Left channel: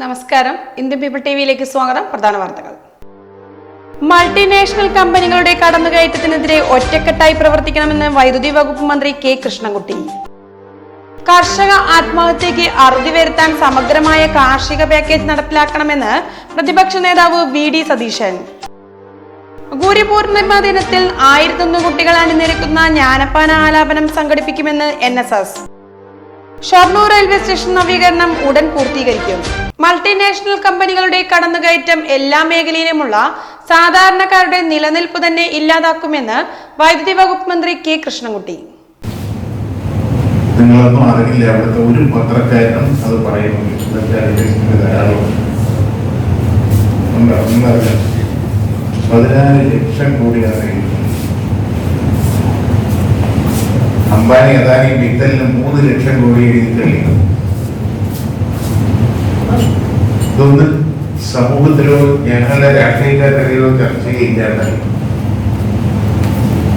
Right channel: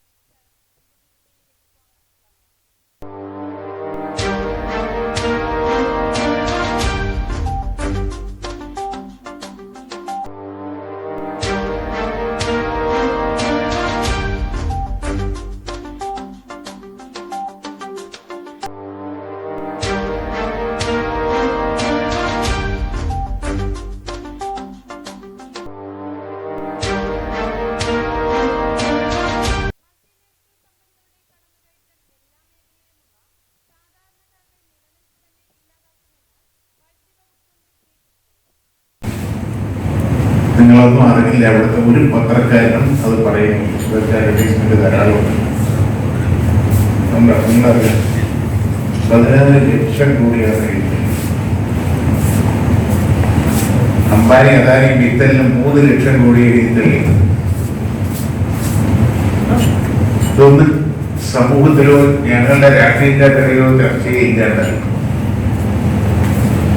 നമസ്കാരം. Indian people T വിയിലേക്ക് സ്വാഗതം. പ്രധാന വാർത്തകൾ. മൾട്ടിനാഷണൽ കമ്പനികളുടെ കടന്നുകയറ്റത്തിനെതിരെ ഒറ്റക്കെട്ടായി പ്രവർത്തിക്കണമെന്ന് വൈദ്യുതി വകുപ്പ് മന്ത്രി കെ കൃഷ്ണൻകുട്ടി. കർഷക ആത്മഹത്യക്ക് അറുതി വരുത്താൻ സമഗ്രമായ കാർഷിക പാക്കേജ് നടപ്പിലാക്കണമെന്ന് പ്രതിപക്ഷ നേതാവ് വി ഡി സതീശൻ. ഗുരുപൂർണിമ ദിനത്തിൽ ആയിരത്തൊന്ന് കുട്ടികൾ അണിനിരക്കുന്ന ജ്ഞാനപ്പാന ആലാപനം സംഘടിപ്പിക്കുമെന്ന് N S S. Shoranur railway station നവീകരണം ഉടൻ പൂർത്തീകരിക്കും. മൾട്ടിനാഷണൽ കമ്പനികളുടെ കടന്നുകയറ്റം എല്ലാ മേഖലയിലുമുള്ള സാധാരണക്കാരുടെ നിലനിൽപ്പ് തന്നെ ഇല്ലാതാക്കുമെന്ന് വൈദ്യുതി വകുപ്പ് മന്ത്രി കെ കൃഷ്ണൻകുട്ടി. നിങ്ങളൊന്നും അറിയില്ല അവിടുത്തെ ഒരു പത്രക്കാരനും അത് പറയുന്നു ധാരാളം നിങ്ങളറിയാം പതിനാറ് ലക്ഷം കോടിയാണ് അംബാനി അദാനി മിത്തലിന് മൂന്ന് ലക്ഷം കോടി എഴുതിത്തള്ളിയത് ഇതൊന്നും സമൂഹത്തിലോ ഞങ്ങളുടെ രാഷ്ട്രീയക്കാർക്കിടയിലോ ചർച്ചയില്ലാതെ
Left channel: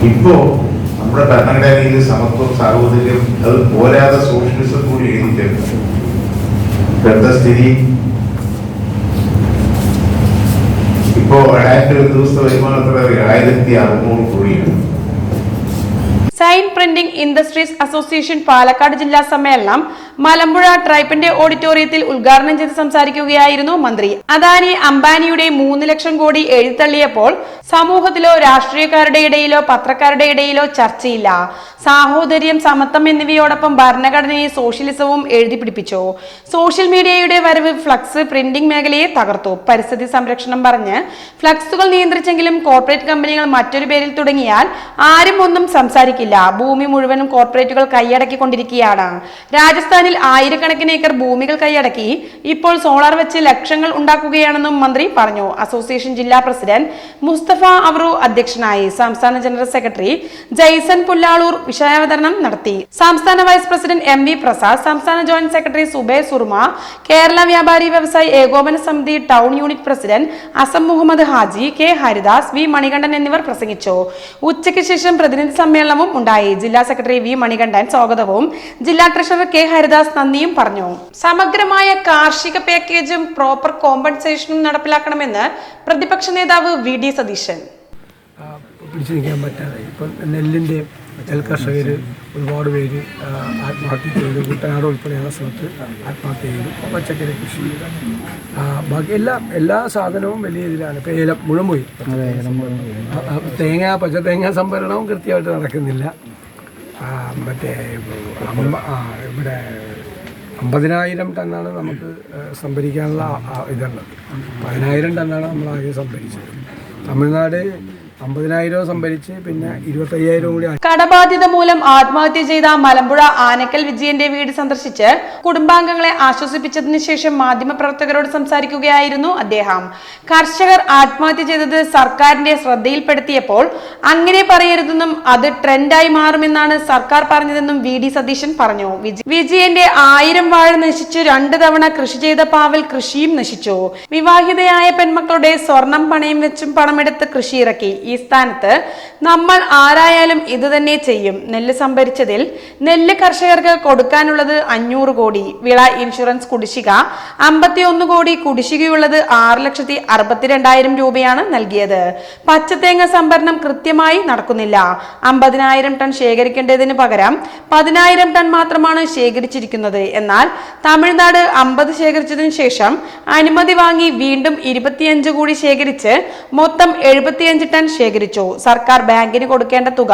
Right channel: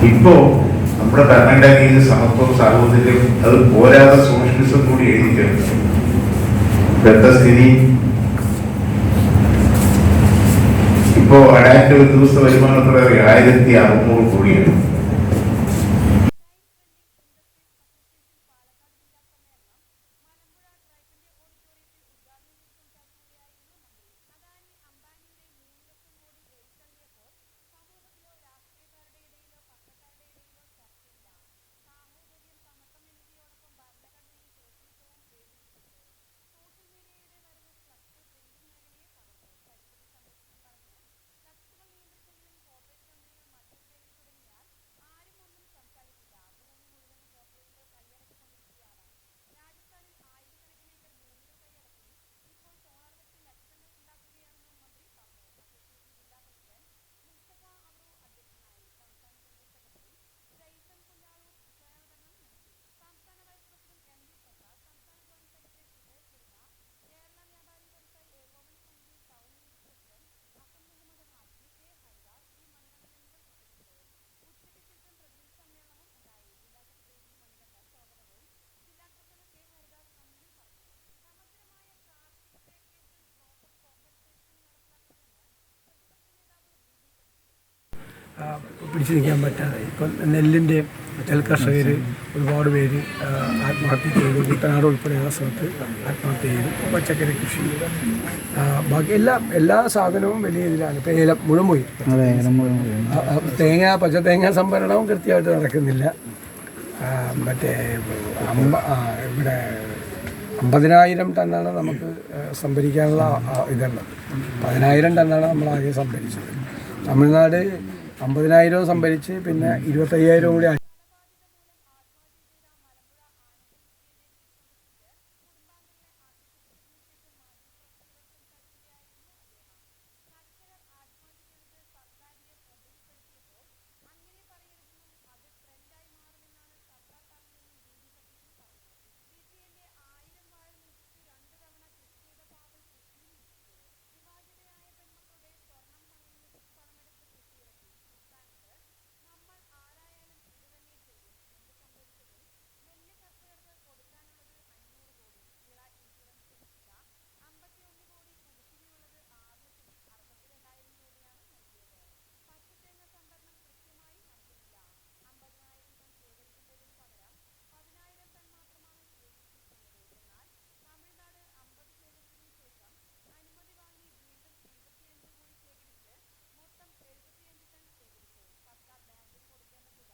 ഇപ്പോ നമ്മുടെ ഭരണഘടനയിൽ സമത്വം സാഹോദര്യം അത് പോരാതെ സോഷ്യലിസം കൂടി എഴുതി തരുന്നു സ്ഥിതി? ഇപ്പോ ഏഴായിരത്തി ഒരു ദിവസത്തെ വരുമാനത്തിൽ ഏഴായിരത്തി അറുന്നൂറ് കോടിയാണ്. Sign printing industries association Palakkad ജില്ലാ സമ്മേളനം മലമ്പുഴ ട്രൈപ്പിന്റെ ഓഡിറ്റോറിയത്തിൽ ഉദ്ഘാടനം ചെയ്ത് സംസാരിക്കുകയായിരുന്നു മന്ത്രി. അദാനി അംബാനിയുടെ മൂന്ന് ലക്ഷം കോടി എഴുത്തള്ളിയപ്പോൾ സമൂഹത്തിലോ രാഷ്ട്രീയക്കാരുടെ ഇടയിലോ പത്രക്കാരുടെ ഇടയിലോ ചർച്ചയില്ല. സാഹോദര്യം സമത്വം എന്നിവയോടൊപ്പം ഭരണഘടനയെ സോഷ്യലിസവും എഴുതി പിടിപ്പിച്ചു സോഷ്യൽ മീഡിയയുടെ വരവ് ഫ്ലക്സ് പ്രിന്റിംഗ് മേഖലയെ തകർത്തു. പരിസ്ഥിതി സംരക്ഷണം പറഞ്ഞ് ഫ്ലക്സുകൾ നിയന്ത്രിച്ചെങ്കിലും കോർപ്പറേറ്റ് കമ്പനികൾ മറ്റൊരു പേരിൽ തുടങ്ങിയാൽ ആരും ഒന്നും സംസാരിക്കില്ല. ഭൂമി മുഴുവനും കോർപ്പറേറ്റുകൾ കൈയടക്കിക്കൊണ്ടിരിക്കുകയാണ്. രാജസ്ഥാനിൽ ആയിരക്കണക്കിന് ഏക്കർ ഭൂമികൾ കൈയടക്കി. ഇപ്പോൾ സോളാർ വെച്ച് ലക്ഷങ്ങൾ ഉണ്ടാക്കുകയാണെന്നും മന്ത്രി പറഞ്ഞു. അസോസിയേഷൻ ജില്ലാ പ്രസിഡന്റ് മുസ്തഫ അവറു അധ്യക്ഷനായി. സംസ്ഥാന ജനറൽ സെക്രട്ടറി ജയ്സൺ പുല്ലാളൂർ വിഷയാവതരണം നടത്തി. സംസ്ഥാന vice president M V Prasad സംസ്ഥാന ജോയിന്റ് സെക്രട്ടറി സുബേ സുർമ കേരള വ്യാപാരി വ്യവസായി ഏകോപന സമിതി town unit president Asam Muhammad Haji K Haridas V Manikandan എന്നിവർ പ്രസംഗിച്ചു. ഉച്ചയ്ക്ക് ശേഷം പ്രതിനിധി സമ്മേളനവും ഉണ്ടായി. ജില്ലാ സെക്രട്ടറി വി മണികണ്ഠൻ സ്വാഗതവും. ജില്ലാ ട്രഷറർ കെ ഹരിദാസ് നന്ദിയും പറഞ്ഞു. സമഗ്രമായ കാർഷിക പാക്കേജും പ്രോപ്പർ കോമ്പൻസേഷനും നടപ്പിലാക്കണമെന്ന് പ്രതിപക്ഷ നേതാവ് വി ഡി സതീശൻ. പിടിച്ചു നിൽക്കാൻ പറ്റാതെ ഇപ്പം നെല്ലിന്റെ നെൽ കർഷകർ ഒരുപാട് പേര് ആത്മഹത്യ ചെയ്തു. കുട്ടനാട് ഉൾപ്പെടെയുള്ള സ്ഥലത്ത് ആത്മഹത്യ ചെയ്തു. പച്ചക്കറി കൃഷി ബാക്കി എല്ലാ എല്ലാ സാധനവും വലിയ ഇതിലാണ്. ഇപ്പം ഏലം ആ, തേങ്ങ പച്ച തേങ്ങ സംഭരണവും കൃത്യമായിട്ട് നടക്കുന്നില്ല. മറ്റേ അമ്പ ഇവിടെ അമ്പതിനായിരം ടണ്ണാണ് നമുക്ക് സംഭരിക്കാനുള്ള ഇതുള്ളത്. പതിനായിരം ടണ്ണാണ് നമ്മൾ ആകെ സംഭരിച്ചത്. തമിഴ്നാട് അമ്പതിനായിരം സംഭരിച്ച് പിന്നെ ഇരുപത്തയ്യായിരം കൂടി കടബാധ്യത മൂലം ആത്മഹത്യ ചെയ്ത മലമ്പുഴ ആനക്കൽ വിജയന്റെ വീട് സന്ദർശിച്ച് കുടുംബാംഗങ്ങളെ ആശ്വസിപ്പിച്ചതിന് ശേഷം മാധ്യമപ്രവർത്തകരോട് സംസാരിക്കുകയായിരുന്നു അദ്ദേഹം. കർഷകർ ആത്മഹത്യ ചെയ്തത് സർക്കാരിന്റെ ശ്രദ്ധയിൽപ്പെടുത്തിയപ്പോൾ അങ്ങനെ പറയരുതെന്നും അത് ട്രെൻഡായി മാറുമെന്നാണ് സർക്കാർ പറഞ്ഞതെന്നും വി ഡി സതീശൻ പറഞ്ഞു. വിജയന്റെ ആയിരം വാഴ നശിച്ചു രണ്ടു തവണ കൃഷി ചെയ്ത പാവൽ കൃഷിയും നശിച്ചു. വിവാഹിതയായ പെൺമക്കളുടെ സ്വർണം പണയം വെച്ചും പണമെടുത്ത് കൃഷി ഇറക്കി ഈ സ്ഥാനത്ത് നമ്മൾ ആരായാലും ഇത് തന്നെ ചെയ്യും. നെല്ല് സംഭരിച്ചതിൽ നെല്ല് കർഷകർക്ക് കൊടുക്കാനുള്ളത് അഞ്ഞൂറ് കോടി. വിള ഇൻഷുറൻസ് കുടിശ്ശിക അമ്പത്തിയൊന്ന് കോടി. കുടിശ്ശികയുള്ളത് ആറ് ലക്ഷത്തി അറുപത്തിരണ്ടായിരം രൂപയാണ് നൽകിയത്. പച്ചത്തേങ്ങ സംഭരണം കൃത്യമായി നടക്കുന്നില്ല. അമ്പതിനായിരം ടൺ ശേഖരിക്കേണ്ടതിന് പകരം പതിനായിരം ടൺ മാത്രമാണ് ശേഖരിച്ചിരിക്കുന്നത്. എന്നാൽ തമിഴ്നാട് അമ്പത് ശേഖരിച്ചതിന് ശേഷം അനുമതി വാങ്ങി വീണ്ടും ഇരുപത്തിയഞ്ച് കൂടി ശേഖരിച്ച് മൊത്തം എഴുപത്തിയഞ്ച് ടൺ ശേഖരിച്ചു. സർക്കാർ ബാങ്കിന് കൊടുക്കേണ്ട തുക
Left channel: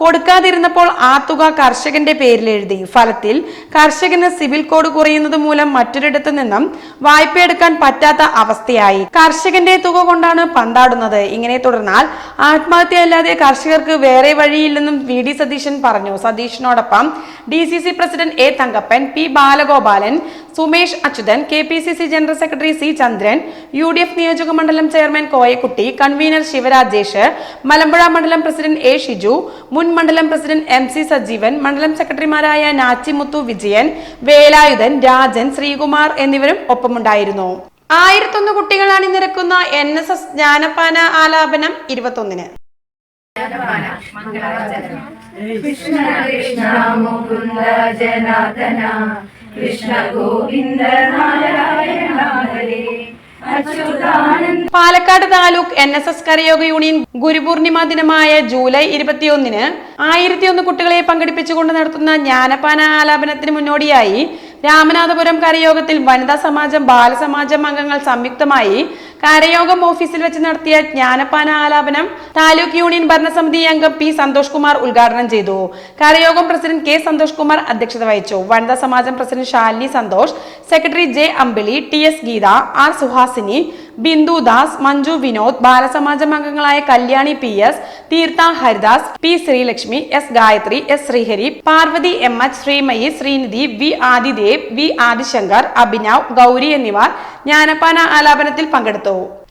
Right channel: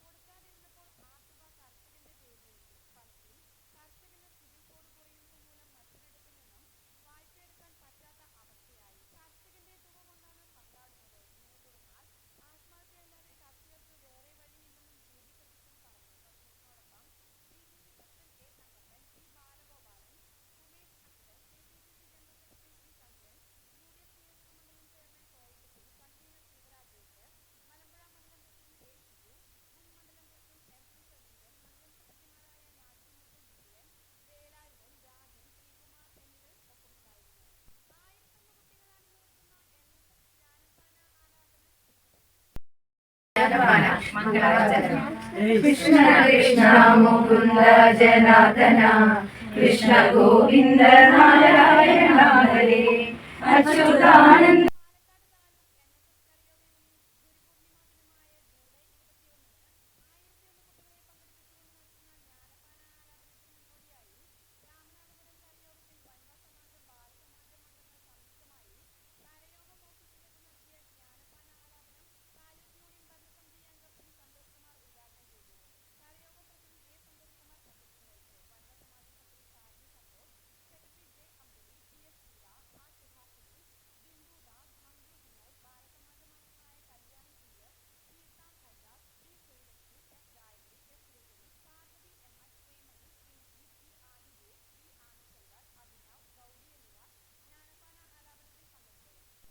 കൊടുക്കാതിരുന്നപ്പോൾ ആ തുക കർഷകന്റെ പേരിൽ എഴുതി. ഫലത്തിൽ കർഷകന് സിവിൽ കോഡ് കുറയുന്നത് മൂലം മറ്റൊരിടത്തു നിന്നും വായ്പ എടുക്കാൻ പറ്റാത്ത അവസ്ഥയായി. കർഷകന്റെ തുക കൊണ്ടാണ് പന്താടുന്നത്. ഇങ്ങനെ തുടർന്നാൽ ആത്മഹത്യ അല്ലാതെ കർഷകർക്ക് വേറെ വഴിയില്ലെന്നും വി ഡി സതീശൻ പറഞ്ഞു. സതീഷിനോടൊപ്പം D C C president A Thankappan P Balagopalan Sumesh Achuthan K P C C general secretary C Chandran U D F നിയോജക മണ്ഡലം ചെയർമാൻ കോയക്കുട്ടി കൺവീനർ ശിവരാജേഷ് മലമ്പുഴ മണ്ഡലം പ്രസിഡന്റ് എ ഷിജു മുൻ മണ്ഡലം പ്രസിഡന്റ് എം സി സജീവൻ മണ്ഡലം സെക്രട്ടറിമാരായ നാച്ചിമുത്തു വിജയൻ വേലായുധൻ രാജൻ ശ്രീകുമാർ എന്നിവരും ഒപ്പമുണ്ടായിരുന്നു. ആയിരത്തൊന്ന് കുട്ടികൾ അണിനിരക്കുന്ന എൻ എസ് എസ് ജ്ഞാനപ്പാന ആലാപനം ഇരുപത്തൊന്നിന്. Krishna Krishna Govinda Narayana Palakkad taluk N S S കരയോഗ union Gurupurnima ദിനമായ ജൂലൈ ഇരുപത്തിയൊന്നിന് ആയിരത്തിയൊന്ന് കുട്ടികളെ പങ്കെടുപ്പിച്ചുകൊണ്ട് നടത്തുന്ന ജ്ഞാനപാന ആലാപനത്തിന് മുന്നോടിയായി രാമനാഥപുരം കരയോഗത്തിൽ വനിതാ സമാജം ബാലസമാജം അംഗങ്ങൾ സംയുക്തമായി കരയോഗം ഓഫീസിൽ വെച്ച് നടത്തിയ ജ്ഞാനപാന ആലാപനം താലൂക്ക് യൂണിയൻ ഭരണസമിതി അംഗം പി സന്തോഷ് കുമാർ ഉദ്ഘാടനം ചെയ്തു. കരയോഗം പ്രസിഡന്റ് കെ സന്തോഷ് കുമാർ അധ്യക്ഷത വഹിച്ചു. വനിതാ സമാജം president Shalini Santhosh secretary J Ambili T S Geetha R Suhasini Bindu Das Manju Vinod ബാലസമാജം അംഗങ്ങളായ Kalyani P S Theertha Haridas P Sreelakshmi S Gayathri S Sreehari Parvathy M H Sreemayi Sreenidhi V Adidev V Adishankar Abhinav Gauri എന്നിവർ ജ്ഞാനപ്പാന ആലാപനത്തിൽ പങ്കെടുത്തു.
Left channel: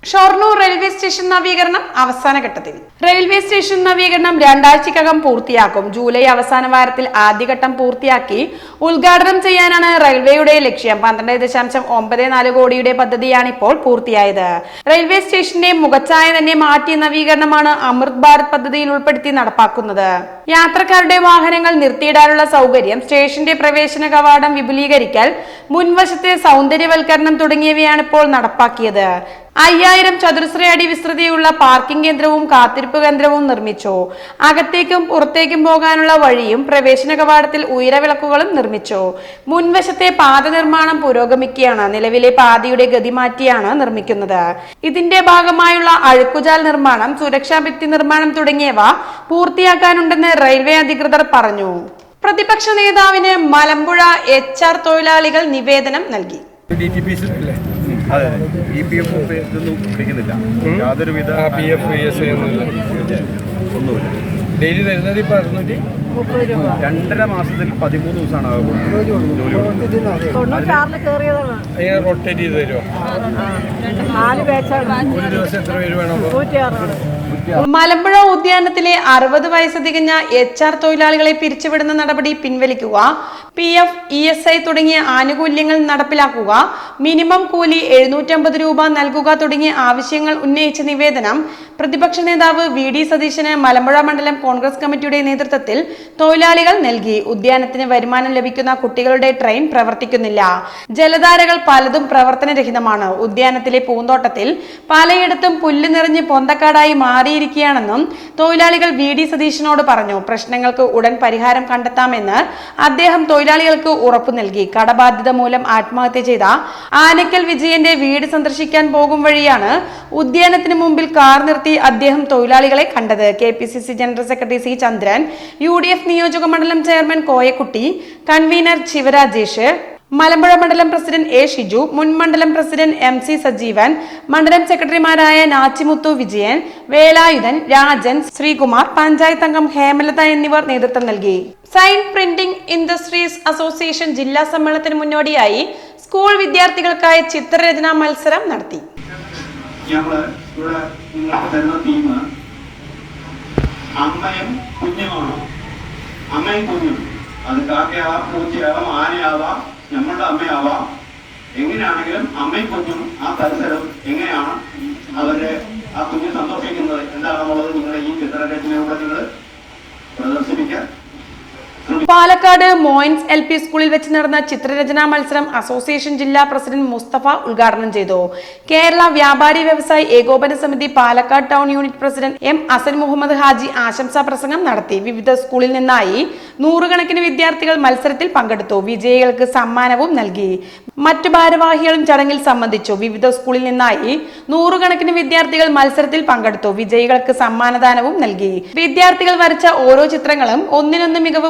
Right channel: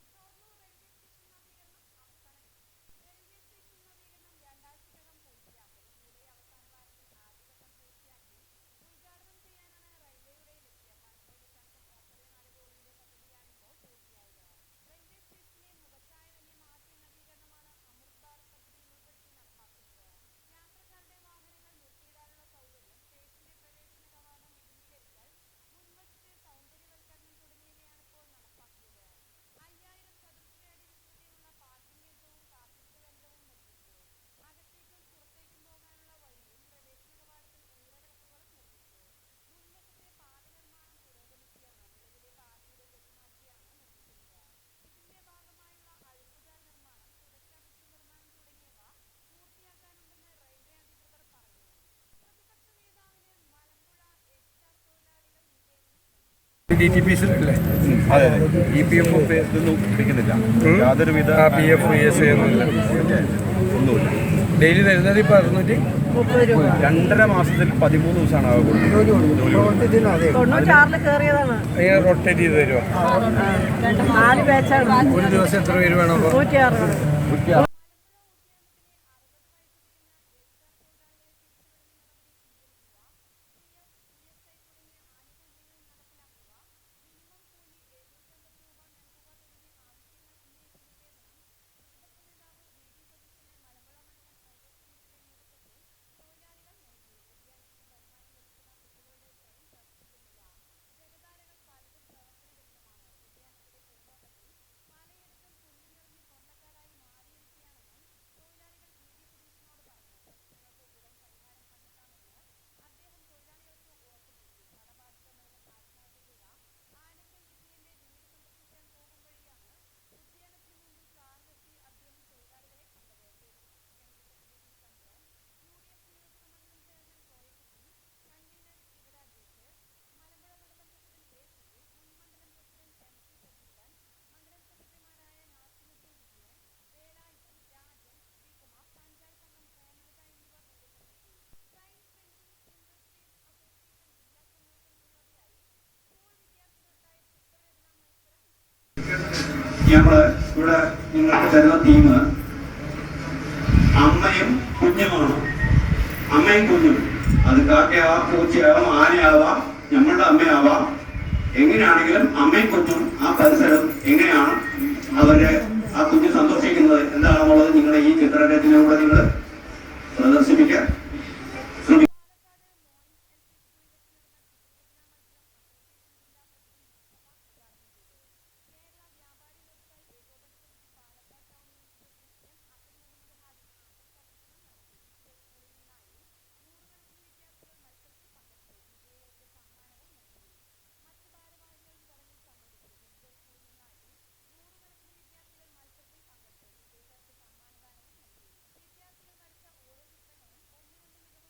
Shoranur railway station നവീകരണം അവസാന ഘട്ടത്തിൽ. Railway station നവീകരണം രണ്ടാഴ്ചക്കകം പൂർത്തിയാക്കും. July അവസാന വാരത്തിൽ ആദ്യഘട്ടം പൂർത്തിയാക്കി ഉദ്ഘാടനം ചെയ്യാനാണ് റെയിൽവേയുടെ ലക്ഷ്യം. പന്ത്രണ്ട് ദശാംശം ഒമ്പത് നാല് കോടിയുടെ പദ്ധതിയാണ് ഇപ്പോൾ പൂർത്തിയായത്. റെയിൽവേ സ്റ്റേഷന്റെ മുഖച്ഛായ തന്നെ മാറ്റിയ നവീകരണമാണ് അമൃത് ഭാരത് പദ്ധതിയിൽ ഉൾപ്പെടുത്തി നടപ്പാക്കുന്നത്. യാത്രക്കാരുടെ വാഹനങ്ങൾ നിർത്തിയിടാനുള്ള സൗകര്യം സ്റ്റേഷന്റെ പ്രവേശന കവാടം വിപുലീകരിക്കൽ മുൻവശത്തെ സൗന്ദര്യവൽക്കരണം തുടങ്ങിയവയാണ് ഇപ്പോൾ നടപ്പാക്കിയത്. അയ്യായിരം ചതുരശ്ര അടി വിസ്തൃതിയുള്ള പാർക്കിംഗ് കേന്ദ്രവും കാത്തിരിപ്പ് കേന്ദ്രവും നിർമ്മിച്ചു. അകത്തേക്കും പുറത്തേക്കും പോകാനുള്ള വഴിയും പ്രവേശന കവാടത്തിൽ ഉയരവിളക്കുകളും നിർമ്മിച്ചു. മുൻവശത്തെ പാത നിർമ്മാണം പുരോഗമിക്കുകയാണ്. നിലവിലെ പാതയുടെ ഗതി മാറ്റിയാണ് നിർമ്മിക്കുന്നത്. ഇതിന്റെ ഭാഗമായുള്ള അഴുക്കുചാൽ നിർമ്മാണം സുരക്ഷാ ഭിത്തി നിർമ്മാണം തുടങ്ങിയവ പൂർത്തിയാക്കാനുണ്ടെന്ന് റെയിൽവേ അധികൃതർ പറഞ്ഞു. പ്രതിപക്ഷ നേതാവിന് മലമ്പുഴ എച്ച് ആർ തൊഴിലാളികൾ നിവേദനം നൽകി. അതെ ഇ പി എഫ് ഇതൊന്നും പിടിക്കുന്നില്ല യാതൊരുവിധ പി എഫ് ഒന്നുമില്ല. ഡെയിലി തരുന്നത് ഇപ്പൊ അറുന്നൂറ്റി രണ്ടര മാസത്തിൽ പതിമൂന്ന് ദിവസമാണ് ആകെ കൊടുക്കുന്നത് റൊട്ടേറ്റ് ചെയ്ത് തരുമോ? ഒരു ദിവസം എത്ര പേര് വേണം? മലമ്പുഴ ഉദ്യാനത്തിലെ അറുപത് വയസ്സ് തികഞ്ഞ എച്ച് ആർ തൊഴിലാളികളെ പിരിച്ചുവിടുന്ന നടപടി പിൻവലിക്കുക P F E S I തുടങ്ങിയ ആനുകൂല്യങ്ങൾ നടപ്പിലാക്കുക മിനിമം കൂലി എഴുന്നൂറ്റമ്പത് രൂപ നൽകുക തുടങ്ങിയ ആവശ്യങ്ങൾ ഉന്നയിച്ച നിവേദനം പ്രതിപക്ഷ നേതാവ് വി ഡി സതീശന് മലമ്പുഴ മണ്ഡലം കോൺഗ്രസ് കമ്മിറ്റിയുടെ നേതൃത്വത്തിൽ തൊഴിലാളികൾ നൽകി. ഉദ്യാനത്തിന് വരുമാനം ലഭിക്കുന്ന കുട്ടികളുടെ ട്രെയിൻ പ്രവർത്തിക്കുന്നില്ല. ജലധാരകൾ പലതും പ്രവർത്തനരഹിതമാണ്. ഉദ്യാനത്തിലെ പൂന്തോട്ടത്തിൽ പലയിടത്തും പുല്ല് നിറഞ്ഞ് പൊന്തക്കാടായി മാറിയിരിക്കുകയാണെന്നും തൊഴിലാളികൾ വി. ഡി. സതീശനോട് പറഞ്ഞു. പ്രശ്നങ്ങൾക്ക് ഉടൻ പരിഹാരം കണ്ടെത്താമെന്ന് അദ്ദേഹം തൊഴിലാളികൾക്ക് ഉറപ്പു നൽകി. കടബാധ്യത മൂലം ആത്മഹത്യ ചെയ്ത ആനക്കൽ വിജയന്റെ വീട് സന്ദർശിക്കാൻ പോകും വഴിയാണ് ഉദ്യാനത്തിന് മുമ്പിൽ കാർ നിർത്തി അദ്ദേഹം തൊഴിലാളികളെ കണ്ടത്. K. General secretary C Chandran U D F നിയോജക മണ്ഡലം ചെയർമാൻ കോയക്കുട്ടി കൺവീനർ ശിവരാജേഷ് മലമ്പുഴ മണ്ഡലം പ്രസിഡന്റ് എ ഷിജു മുൻ മണ്ഡലം പ്രസിഡന്റ് എം സി സജീവൻ മണ്ഡലം സെക്രട്ടറിമാരായ നാച്ചിമുത്തു വിജയൻ വേലായുധൻ രാജൻ ശ്രീകുമാർ പഞ്ചായത്ത് അംഗം ഹേമലത എന്നിവർ നേതൃത്വം നൽകി. സൈൻ പ്രിന്റിംഗ് ഇൻഡസ്ട്രീസ് അസോസിയേഷൻ ജില്ലാ സമ്മേളനത്തിന് മുന്നോടിയായി സ്കൂൾ വിദ്യാർത്ഥികൾക്കായി ചിത്രരചനാ മത്സരം നടത്തി ഞങ്ങൾ ഇവിടെ നിങ്ങൾക്ക് തരുന്ന തീം അമ്മയും കുഞ്ഞുമാണ് അമ്മയും കുഞ്ഞും. അത് കാക്കയാവാം പൂച്ചയാവാം ആനയാവാം നമ്മളുടെ അമ്മയാവാം. എങ്ങനെയാണെങ്കിലും അമ്മയും കുഞ്ഞും ആ പരിസരം എങ്ങനെയാണ് അവർ ആ കുഞ്ഞ് സന്തോഷിക്കുന്നത്? എന്താണെന്നുള്ളത് നിങ്ങളുടെ ഈ ചിത്രരചനയിലൂടെ നിങ്ങൾ പ്രദർശിപ്പിക്കാൻ പാലക്കാട് മോയിൻസ് എൽ പി സ്കൂളിൽ വെച്ച് നടന്ന ചിത്രരചനാ മത്സരം അസോസിയേഷൻ ജില്ലാ പ്രസിഡന്റ് മുസ്തഫ ഉദ്ഘാടനം ചെയ്തു. Kerala Vyapari Vyavasayi Ekopana Samithi Palakkad town unit president M Asan Muhammad Haji ആശംസാ പ്രസംഗം നടത്തി. വിവിധ സ്കൂളിൽ നിന്നായി നൂറുകണക്കിന് വിദ്യാർത്ഥികൾ മത്സരത്തിൽ പങ്കെടുത്തു. വിജയികൾക്ക് സമ്മാനവും നൽകി. മറ്റു ഭാരവാഹികളും ചടങ്ങിൽ സംബന്ധിച്ചു. വിവിധ സ്കൂളിൽ നിന്നായി നൂറുകണക്കിന് വിദ്യാർത്ഥികൾ മത്സരത്തിൽ പങ്കെടുത്തു. വിജയികൾക്ക് സമ്മാനദാനവും നൽകി. വിദ്യാർത്ഥികൾ വരച്ച ഓരോ ചിത്രങ്ങളും ഒന്നിനൊന്ന് മികവ്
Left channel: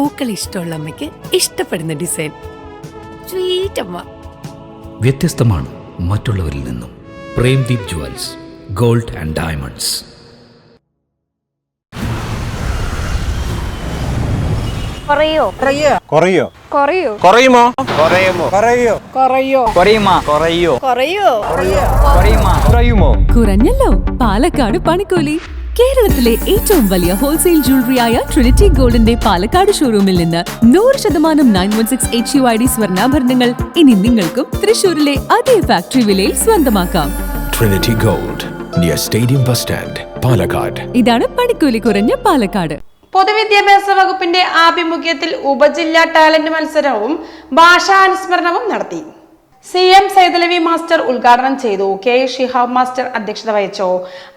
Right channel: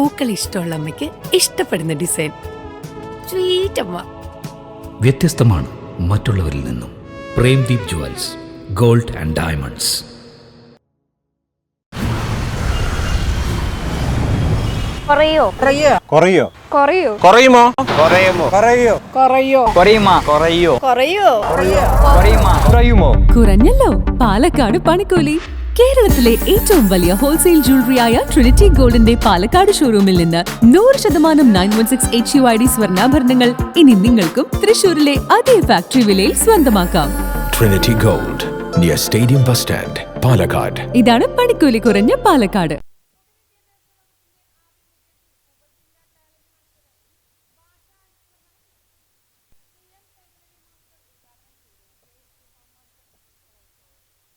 പൂക്കൾ ഇഷ്ടമുള്ള അമ്മയ്ക്ക് ഇഷ്ടപ്പെടുന്ന ഡിസൈൻ. സ്വീറ്റ് അമ്മ. വ്യത്യസ്തമാണ് മറ്റുള്ളവരിൽ നിന്നും. Premdeep jewels gold and diamonds. കുറയോ? കുറയോ? കുറയോ? കുറയുമോ? കുറയുമോ? കുറയോ? കുറയോ? കുറയോ? കുറയോ? കുറയുമോ? കുറഞ്ഞല്ലോ. പാലക്കാട് പണിക്കൂലി. കേരളത്തിലെ ഏറ്റവും വലിയ ഹോൾസെയിൽ ജ്വല്ലറിയായ ട്രിനിറ്റി ഗോൾഡിന്റെ പാലക്കാട് ഷോറൂമിൽ നിന്ന് നൂറ് ശതമാനം nine one six H U I D സ്വർണാഭരണങ്ങൾ ഇനി നിങ്ങൾക്കും തൃശൂരിലെ അതേ ഫാക്ടറി വിലയിൽ സ്വന്തമാക്കാം. Trinity gold near stadium bus stand Palakkad ഇതാണ് പണിക്കൂലി കുറഞ്ഞ പാലക്കാട്. പൊതുവിദ്യാഭ്യാസ വകുപ്പിന്റെ ആഭിമുഖ്യത്തിൽ ഉപജില്ലാ ടാലന്റ് മത്സരവും ഭാഷാനുസ്മരണവും നടത്തി. സി എം സൈതലവി മാസ്റ്റർ ഉദ്ഘാടനം ചെയ്തു. കെ. ഷിഹാബ് മാസ്റ്റർ അധ്യക്ഷത വഹിച്ചു.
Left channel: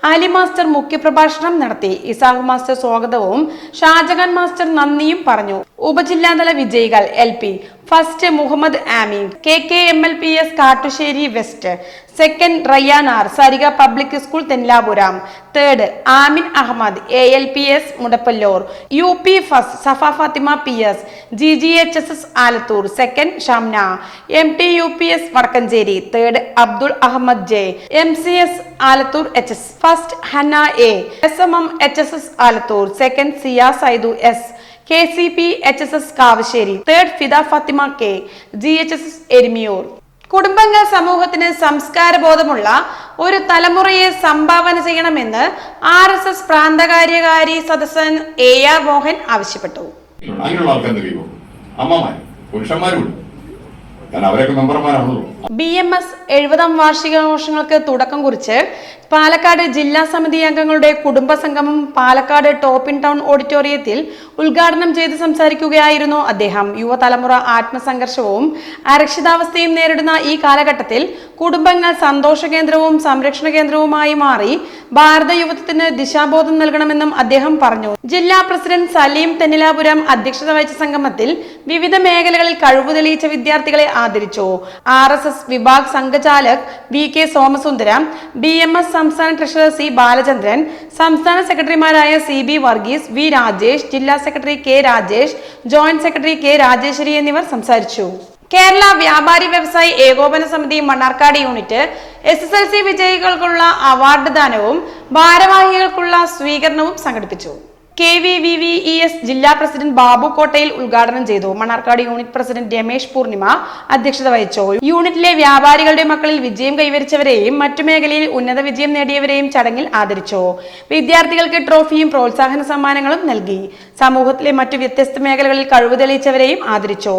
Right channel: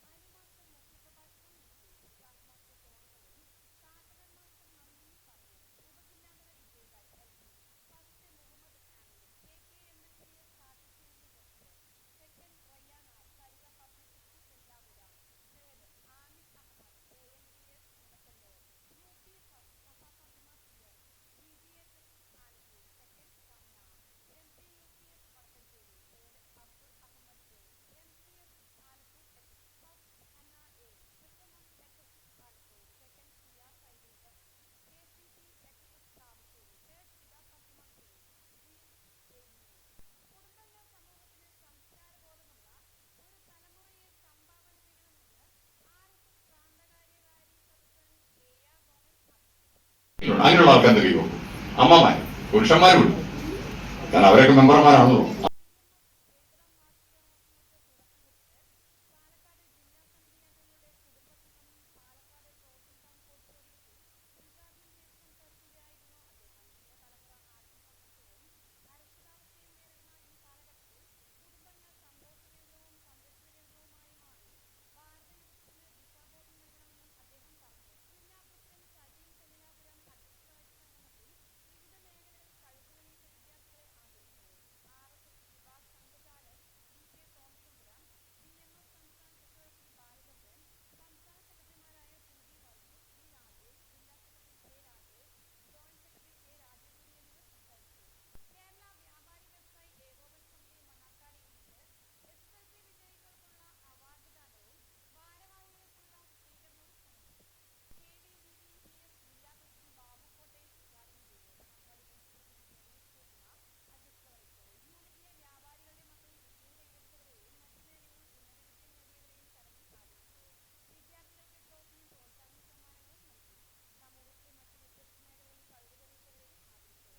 അലി മാസ്റ്റർ മുഖ്യപ്രഭാഷണം നടത്തി. ഇസാഹ് മാസ്റ്റർ സ്വാഗതവും ഷാജഹാൻ മാസ്റ്റർ നന്ദിയും പറഞ്ഞു. ഉപജില്ലാതല വിജയികൾ L P first Muhammad Ameen. K K M L P S Kattussery west. Second Rayyanar Sarika public school Thennapuram third Amin Ahmed A L P S Mudappallur. U P first Safa Fathima P S G G H S S Alathur. Second Shamna. M T U P S Vadakkanchery. Third Abdul Ahmed J. M C S Alathur H S. First Hana A. S M M H S S Alathur. Second Siya Saidu S. K C P H S S Kavassery third Fida Fathima K G H S S Erumayur. കുടുംബങ്ങൾ സമൂഹത്തിന് സംസ്കാര ബോധമുള്ള ഒരു തലമുറയെ സംഭാവന ചെയ്യണമെന്ന് R S S പ്രാന്തകാര്യകാരി സദസ്സൻ എ ആർ മോഹൻ ആവശ്യപ്പെട്ടു. ബി എം എസ് എഴുപതാം വാർഷികാഘോഷങ്ങൾക്ക് തുടക്കം കുറിച്ച് പാലക്കാട് ജില്ലാ സമിതി അംഗങ്ങളുടെ കുടുംബ സംഗമം പാലക്കാട് ടോപ്പിൻ ടൗൺ ഓഡിറ്റോറിയത്തിൽ ഉദ്ഘാടനം ചെയ്ത് സംസാരിക്കുകയായിരുന്നു അദ്ദേഹം. യുവതലമുറ ആത്മസംഘർഷവും അരക്ഷിതാവസ്ഥയും നേരിടുന്ന ഈ കാലഘട്ടത്തിൽ കുടുംബങ്ങൾ സന്തോഷ കേന്ദ്രവും സംരക്ഷണ കേന്ദ്രവുമായി മാറി ഭാരത യുവത്വത്തിന് ദിശാബോധം നൽകണമെന്നും അദ്ദേഹം പറഞ്ഞു. ജില്ലാ പ്രസിഡന്റ് സലീം തെന്നിലാപുരം അധ്യക്ഷത വഹിച്ച സംഗമത്തിൽ വിവിധ മേഖലകളിൽ കഴിവ് തെളിയിച്ച വിദ്യാർത്ഥികളെ ആദരിച്ചു. ആർ എസ് എസ് വിഭാഗ് സംഘചാലക് V K Somasundaram B M S സംസ്ഥാന ട്രഷറർ സി ബാലചന്ദ്രൻ സംസ്ഥാന സെക്രട്ടറിമാരായ C B Varghese V Rajesh ജില്ലാ secretary K Rajesh joint secretary K Rajeshwari എന്നിവർ സംസാരിച്ചു. കേരള വ്യാപാരി വ്യവസായി ഏകോപന സമിതി Mannarkkad unit S S L C വിജയികൾക്കുള്ള award ദാനവും ഭാരവാഹികൾക്കുള്ള സ്വീകരണവും സംഘടിപ്പിച്ചു. K V V V E S ജില്ലാ പ്രസിഡന്റ് ബാബു കോട്ടയിൽ ഉദ്ഘാടനം ചെയ്തു. മണ്ണാർക്കാട് യൂണിറ്റ് പ്രസിഡന്റ് രമേശ് പൂർണിമ അധ്യക്ഷത വഹിച്ചു. യൂണിറ്റിലെ വ്യാപാരികളുടെ മക്കളിൽ വിജയം കൈവരിച്ചവരെയും മറ്റു മേഖലയിൽ ഉന്നത വിജയം നേടിയവരെയും ചടങ്ങിൽ ആദരിച്ചു. വിദ്യാർത്ഥികൾക്ക് ട്രോഫിയും പ്രോത്സാഹന സമ്മാനങ്ങളും നൽകി. സമൂഹത്തിലെ മറ്റു വ്യത്യസ്ത മേഖലകളിൽ കഴിവ് തെളിയിച്ചവരെയും ആദരിച്ചു.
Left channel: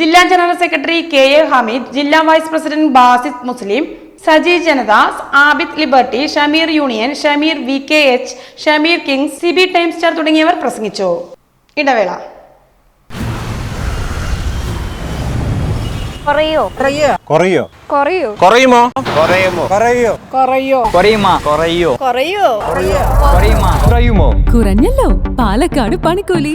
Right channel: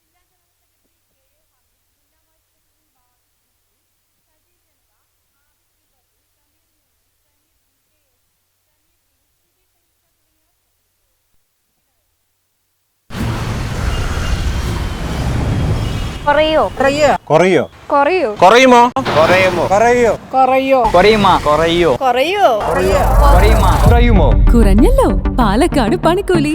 ജില്ലാ general secretary K A Hameed ജില്ലാ വൈസ് പ്രസിഡന്റ് ബാസിദ് മുസ്ലിം Saji Janadas Abid liberty Shameer union Shameer V K H Shameer king Sibi time star തുടങ്ങിയവർ പ്രസംഗിച്ചു ഇടവേള കുറയോ കുറയോ കുറയോ കുറയുമോ കുറയുമോ കുറയോ കുറയോ കുറയുമോ കുറയോ കുറയോ കുറയുമോ കുറയുമോ കുറഞ്ഞല്ലോ പാലക്കാട് പണിക്കൂലി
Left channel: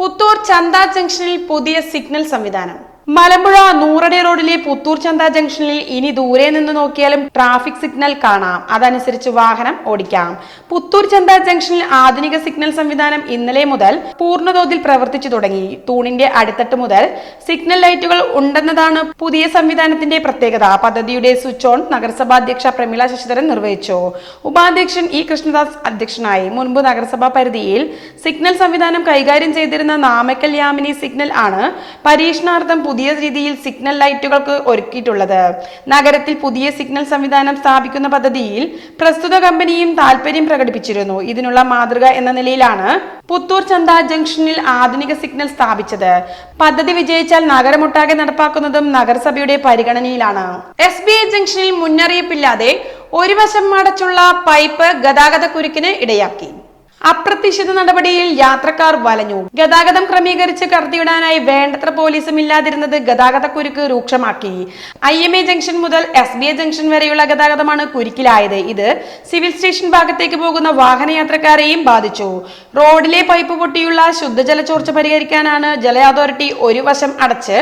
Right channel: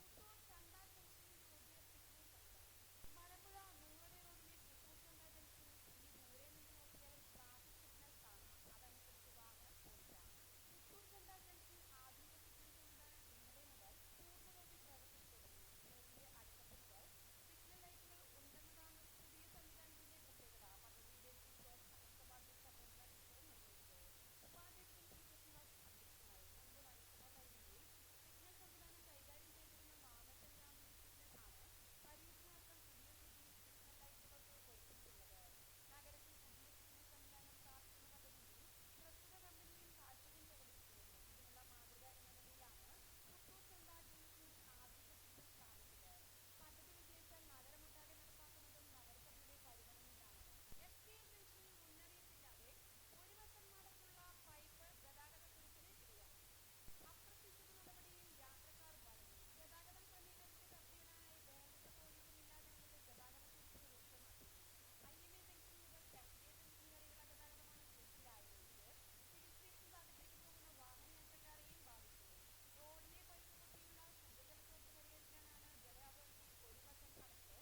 Puthur ചന്ത ജംഗ്ഷനിൽ പുതിയ സിഗ്നൽ സംവിധാനം. മലമ്പുഴ നൂറടി റോഡിലെ പുത്തൂർ ചന്ത ജംഗ്ഷനിൽ ഇനി ദൂരെ നിന്ന് നോക്കിയാലും ട്രാഫിക് സിഗ്നൽ കാണാം. അതനുസരിച്ച് വാഹനം ഓടിക്കാം. പുത്തൂർ ചന്ത ജംഗ്ഷനിൽ ആധുനിക സിഗ്നൽ സംവിധാനം ഇന്നലെ മുതൽ പൂർണതോതിൽ പ്രവർത്തിച്ചു തുടങ്ങി. തൂണിന്റെ അടിത്തട്ട് മുതൽ സിഗ്നൽ ലൈറ്റുകൾ ഉണ്ടെന്നതാണ് പുതിയ സംവിധാനത്തിന്റെ പ്രത്യേകത. പദ്ധതിയുടെ സ്വിച്ച് ഓൺ നഗരസഭാധ്യക്ഷ പ്രമീള ശശിധരൻ നിർവഹിച്ചു. ഉപാധ്യക്ഷൻ ഇ കൃഷ്ണദാസ് അധ്യക്ഷനായി. മുൻപ് നഗരസഭാ പരിധിയിൽ സിഗ്നൽ സംവിധാനം കൈകാര്യം ചെയ്തിരുന്ന നാമക്കൽ യാമിനി സിഗ്നൽ ആണ് പരീക്ഷണാർത്ഥം പുതിയ പുതിയ രീതിയിൽ സിഗ്നൽ ലൈറ്റുകൾക്ക് ഒരുക്കിയിട്ടുള്ളത്. നഗരത്തിൽ പുതിയ സിഗ്നൽ സംവിധാനം സ്ഥാപിക്കുന്ന പദ്ധതിയിൽ പ്രസ്തുത കമ്പനിയും താൽപര്യം പ്രകടിപ്പിച്ചിരുന്നു. ഇതിനുള്ള മാതൃക എന്ന നിലയിലാണ് പുത്തൂർ ചന്ത ജംഗ്ഷനിൽ ആധുനിക സിഗ്നൽ സ്ഥാപിച്ചത്. പദ്ധതി വിജയിച്ചാൽ നഗരമൊട്ടാകെ നടപ്പാക്കുന്നതും നഗരസഭയുടെ പരിഗണനയിലാണ്. എസ് ബി ഐ ജംഗ്ഷനിൽ മുന്നറിയിപ്പില്ലാതെ ഒരു വശം അടച്ചുള്ള പൈപ്പ് ഗതാഗത കുരുക്കിന് ഇടയാക്കി. അപ്രതീക്ഷിത നടപടിയിൽ യാത്രക്കാർ വലഞ്ഞു. ഗതാഗതം ക്രമീകരിച്ച് കടത്തിവിടാനായി വേണ്ടത്ര പോലീസും ഇല്ലാതിരുന്നത് ഗതാഗത കുരുക്ക് രൂക്ഷമാക്കി. ഐ എം എ ജംഗ്ഷൻ മുതൽ എസ് ബി എ ജംഗ്ഷൻ വരെയുള്ള ഗതാഗതമാണ് കുരുക്കിലായത്. ഇത് സിവിൽ സ്റ്റേഷൻ ഭാഗത്തേക്ക് പോകുന്ന വാഹനയാത്രക്കാരെയും ബാധിച്ചു. റോഡിലെ പൈപ്പ് പൊട്ടിയുള്ള ശുദ്ധജല ചോർച്ച പരിഹരിക്കാനാണ് ജല അതോറിറ്റി ഒരു വശം അടച്ച്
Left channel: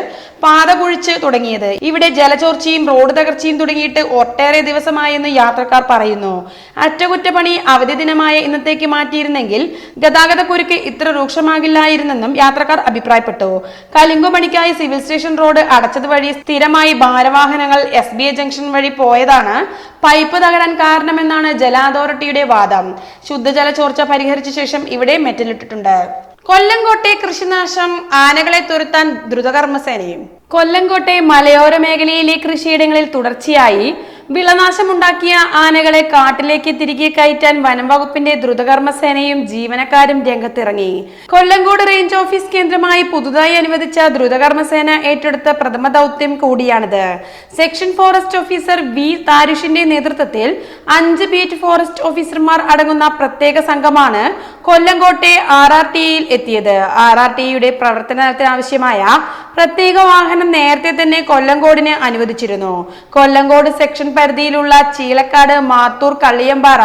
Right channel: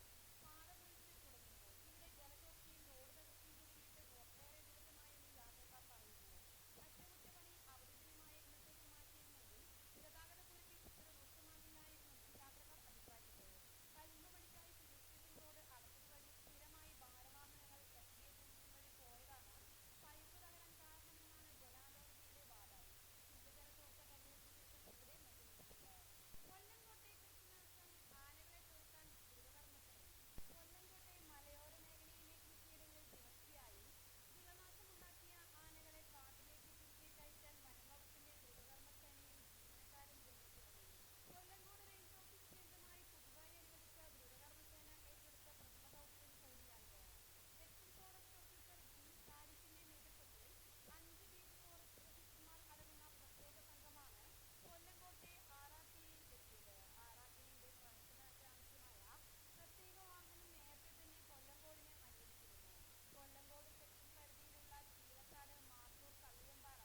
പാത കുഴിച്ച് തുടങ്ങിയത്. ഇവിടെ ജലചോർച്ചയും റോഡ് തകർച്ചയും തുടങ്ങിയിട്ട് ഒട്ടേറെ ദിവസമായെന്ന് യാത്രക്കാർ പറയുന്നു. അറ്റകുറ്റപ്പണി അവധി ദിനമായ ഇന്നത്തേക്ക് മാറ്റിയിരുന്നെങ്കിൽ ഗതാഗത കുരുക്ക് ഇത്ര രൂക്ഷമാകില്ലായിരുന്നെന്നും യാത്രക്കാർ അഭിപ്രായപ്പെട്ടു. കലിങ്കുമണിക്കായി സിവിൽ സ്റ്റേഷൻ റോഡ് അടച്ചത് വഴി സ്ഥിരമായി ഭാരവാഹനങ്ങൾ എസ് ബി ജംഗ്ഷൻ വഴി പോയതാണ് പൈപ്പ് തകരാൻ കാരണമെന്നാണ് ജല അതോറിറ്റിയുടെ വാദം. ശുദ്ധജല ചോർച്ച പരിഹരിച്ച ശേഷം ഇവിടെ മെറ്റലിട്ടിട്ടുണ്ട്. കൊല്ലംകോട്ടെ കൃഷിനാശം ആനകളെ തുരുത്താൻ ദ്രുതകർമ്മസേനയും. കൊല്ലംകോട്ടെ മലയോര മേഖലയിലെ കൃഷിയിടങ്ങളിൽ തുടർച്ചയായി വിളനാശമുണ്ടാക്കിയ ആനകളെ കാട്ടിലേക്ക് തിരികെ കയറ്റാൻ വനം വകുപ്പിന്റെ ദ്രുതകർമ്മ സേനയും ജീവനക്കാരും രംഗത്തിറങ്ങി. കൊല്ലങ്കോട് റേഞ്ച് ഓഫീസ് കേന്ദ്രമായി പുതുതായി അനുവദിച്ച ദ്രുതകർമ്മ സേന ഏറ്റെടുത്ത പ്രഥമ ദൗത്യം കൂടിയാണിത്. സെക്ഷൻ ഫോറസ്റ്റ് ഓഫീസർ വി താരുഷിന്റെ നേതൃത്വത്തിൽ അഞ്ച് ബീറ്റ് ഫോറസ്റ്റ് ഓഫീസർമാർ അടങ്ങുന്ന പ്രത്യേക സംഘമാണ് കൊല്ലങ്കോട്ടെ ആർ ആർ ടി എത്തിയത്. ആർ ആർ ടിയുടെ പ്രവർത്തനത്തിനാവശ്യമായ പ്രത്യേക വാഹനം നേരത്തെ തന്നെ കൊല്ലങ്കോടിന് അനുവദിച്ചിരുന്നു. കൊല്ലങ്കോട് സെക്ഷൻ പരിധിയിലുള്ള ചീലക്കാട് മാത്തൂർ കള്ളിയമ്പാറ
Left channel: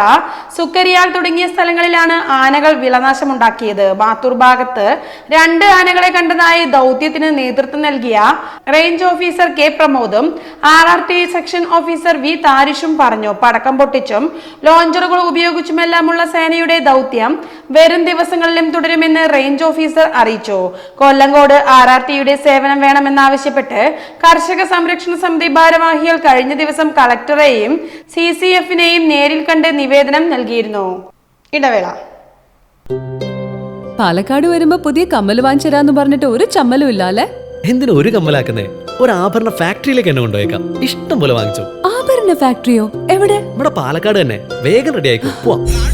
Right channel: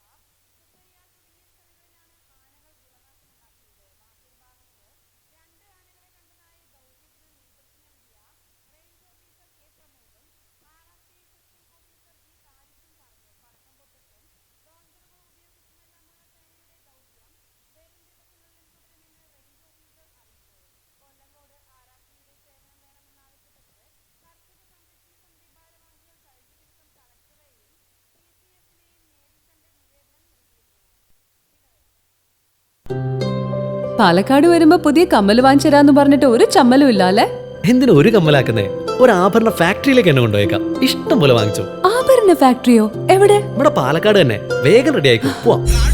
സുക്കരിയാൽ തുടങ്ങിയ സ്ഥലങ്ങളിലാണ് ആനകൾ വിളനാശമുണ്ടാക്കിയത്. മാത്തൂർ ഭാഗത്ത് രണ്ട് ആനകളെ കണ്ടതായി ദൗത്യത്തിന് നേതൃത്വം നൽകിയ range officer K പ്രമോദും R R T section officer V താരിഷും പറഞ്ഞു. പടക്കം പൊട്ടിച്ചും ലോഞ്ചറുകൾ ഉപയോഗിച്ചുമെല്ലാമുള്ള സേനയുടെ ദൗത്യം വരും ദിവസങ്ങളിലും തുടരുമെന്ന് റേഞ്ച് ഓഫീസർ അറിയിച്ചു. കൊല്ലങ്കോട് ആർ ആർ ടിയുടെ വേണമെന്നാവശ്യപ്പെട്ട് കർഷക സംരക്ഷണ സമിതി ഭാരവാഹികൾ കഴിഞ്ഞ ദിവസം കളക്ടറേയും സി സി എഫിനെയും നേരിൽ കണ്ട് നിവേദനം നൽകിയിരുന്നു. ഇടവേള. പാലക്കാട് വരുമ്പോ പുതിയ കമ്മൽ വാങ്ങിച്ചു പറഞ്ഞിട്ട് ഒരു ചമ്മലും ഇല്ല അല്ലേ എന്തിനു ഒരു കമ്മലാക്കുന്നേ? ഒരു ആഭരണ ഫാക്ടറിയിലേക്ക് എന്നെ കൊണ്ടുപോയേക്കാം. ഇഷ്ടം പോലെ വാങ്ങിച്ചു. ആഭരണ ഫാക്ടറിയോ? എവിടെ? നമ്മുടെ പാലക്കാട് തന്നെ. വേഗം റെഡി ആയിക്കോ. പോവാം.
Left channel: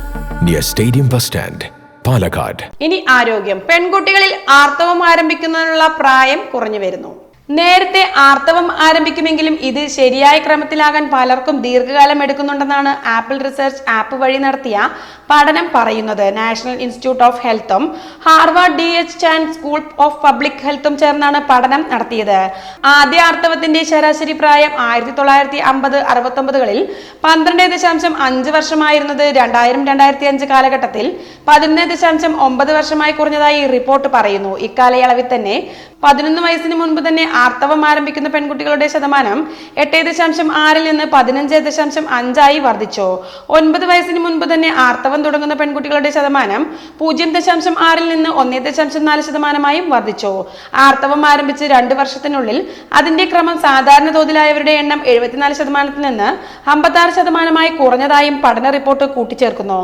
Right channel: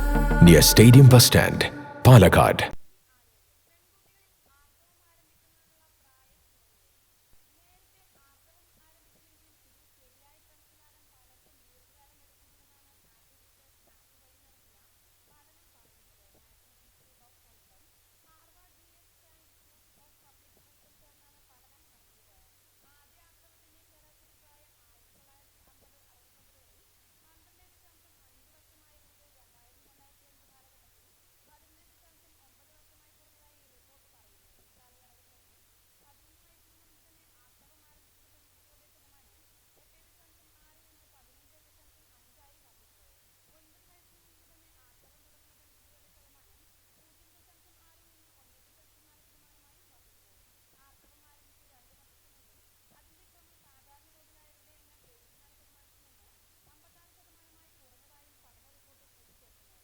near stadium bus stand Palakkad ഇനി ആരോഗ്യം. പെൺകുട്ടികളിൽ ആർത്തവം ആരംഭിക്കുന്നതിനുള്ള പ്രായം കുറഞ്ഞു വരുന്നു. നേരത്തെ ആർത്തവം ആരംഭിക്കുമെങ്കിലും ഇത് ശരിയായ ക്രമത്തിലാകാൻ പലർക്കും ദീർഘകാലം എടുക്കുന്നുണ്ടെന്നാണ് ആപ്പിൾ റിസർച്ച് ആപ്പ് വഴി നടത്തിയ പഠനം പറയുന്നത്. National institute of ഹെൽത്തും Harvard D H Chan school of public ഹെൽത്തും ചേർന്നാണ് പഠനം നടത്തിയത്. ആദ്യ ആർത്തവത്തിന്റെ ശരാശരി പ്രായം ആയിരത്തി തൊള്ളായിരത്തി അമ്പത് അറുപത്തൊമ്പതുകളിൽ പന്ത്രണ്ട് ദശാംശം അഞ്ച് വർഷമായിരുന്നത് രണ്ടായിരം രണ്ടായിരത്തി അഞ്ച് കാലഘട്ടത്തിൽ പതിനൊന്ന് ദശാംശം ഒമ്പത് വർഷമായി കുറഞ്ഞതായി റിപ്പോർട്ട് പറയുന്നു. ഇക്കാലയളവിൽ തന്നെ പതിനൊന്ന് വയസ്സിന് മുൻപ് തന്നെ ആർത്തവം ആരംഭിക്കുന്ന പെൺകുട്ടികളുടെ ശതമാനം എട്ട് ദശാംശം ആറിൽ നിന്ന് പതിനഞ്ച് ദശാംശം അഞ്ചായി വർദ്ധിച്ചു. ഒൻപത് വയസ്സിന് മുൻപ് തന്നെ ആർത്തവം തുടങ്ങുന്ന പെൺകുട്ടികളുടെ ശതമാനം പൂജ്യം ദശാംശം ആറിൽ നിന്ന് ഒന്നേ ദശാംശം നാല് ശതമാനമായും വർദ്ധിച്ചു. ആർത്തവം ആരംഭിച്ച് രണ്ട് വർഷത്തിനുള്ളിൽ അതിന്റെ ക്രമം സാധാരണ തോതിലായവരുടെ എണ്ണം എഴുപത്തിനാല് ശതമാനത്തിൽ നിന്ന് അമ്പത്താറ് ശതമാനമായി കുറഞ്ഞതായും പഠന റിപ്പോർട്ട് കൂട്ടിച്ചേർക്കുന്നു.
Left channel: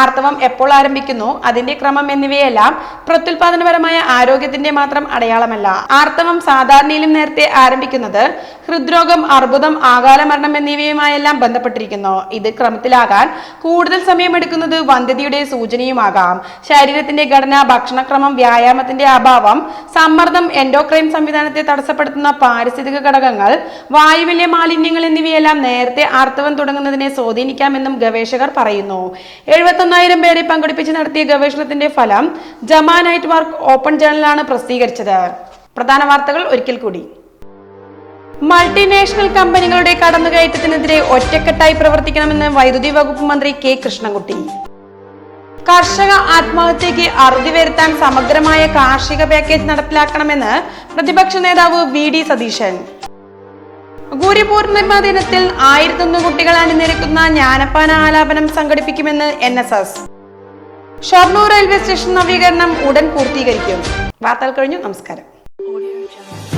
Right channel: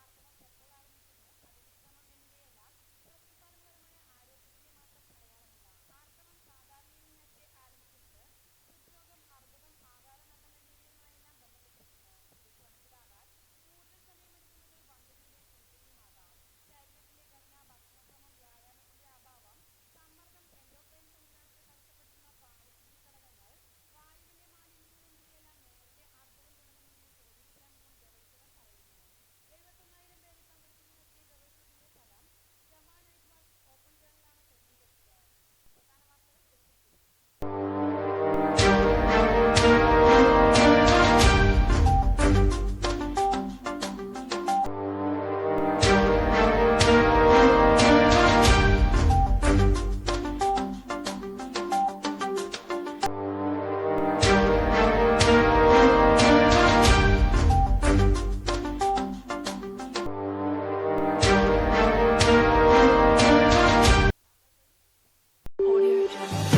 ആർത്തവം എപ്പോൾ ആരംഭിക്കുന്നു അതിന്റെ ക്രമം എന്നിവയെല്ലാം പ്രത്യുൽപാദനപരമായ ആരോഗ്യത്തിന്റെ മാത്രം അടയാളമല്ല. ആർത്തവം സാധാരണയിൽ ഭാവിയിലും നേരത്തെ ആരംഭിക്കുന്നത് ഹൃദ്രോഗം അർബുദം ആകാല മരണം എന്നിവയുമായെല്ലാം ബന്ധപ്പെട്ടിരിക്കുന്നു. ഇത് ക്രമത്തിലാകാൻ കൂടുതൽ സമയമെടുക്കുന്നത് വന്ധ്യതയുടെ സൂചനയുമാകാം. ശരീരത്തിന്റെ ഘടന ഭക്ഷണക്രമം വ്യായാമത്തിന്റെ അഭാവം സമ്മർദ്ദം എൻഡോക്രൈൻ സംവിധാനത്തെ തടസ്സപ്പെടുത്തുന്ന പാരിസ്ഥിതിക ഘടകങ്ങൾ വായുവിലെ മാലിന്യങ്ങൾ എന്നിവയെല്ലാം നേരത്തെ ആർത്തവം തുടങ്ങുന്നതിനെ സ്വാധീനിക്കാമെന്നും ഗവേഷകർ പറയുന്നു. എഴുപത്തൊന്നായിരം പേരെ പങ്കെടുപ്പിച്ച് നടത്തിയ ഗവേഷണത്തിന്റെ ഫലം ജമാ നൈറ്റ് വർക്ക് ഓപ്പൺ ജേണലാണ് പ്രസിദ്ധീകരിച്ചത്. പ്രധാന വാർത്തകൾ ഒരിക്കൽ കൂടി. മൾട്ടിനാഷണൽ കമ്പനികളുടെ കടന്നുകയറ്റത്തിനെതിരെ ഒറ്റക്കെട്ടായി പ്രവർത്തിക്കണമെന്ന് വൈദ്യുതി വകുപ്പ് മന്ത്രി കെ കൃഷ്ണൻകുട്ടി. കർഷക ആത്മഹത്യക്ക് അറുതി വരുത്താൻ സമഗ്രമായ കാർഷിക പാക്കേജ് നടപ്പിലാക്കണമെന്ന് പ്രതിപക്ഷ നേതാവ് വി ഡി സതീശൻ. ഗുരി പൂർണിമ ദിനത്തിൽ ആയിരത്തൊന്ന് കുട്ടികൾ അണിനിരക്കുന്ന ജ്ഞാനപ്പാന ആലാപനം സംഘടിപ്പിക്കുമെന്ന് N S S. Shoranur railway station നവീകരണം ഉടൻ പൂർത്തീകരിക്കും. വാർത്തകൾ കഴിഞ്ഞു. നമസ്കാരം. Audio Jungle.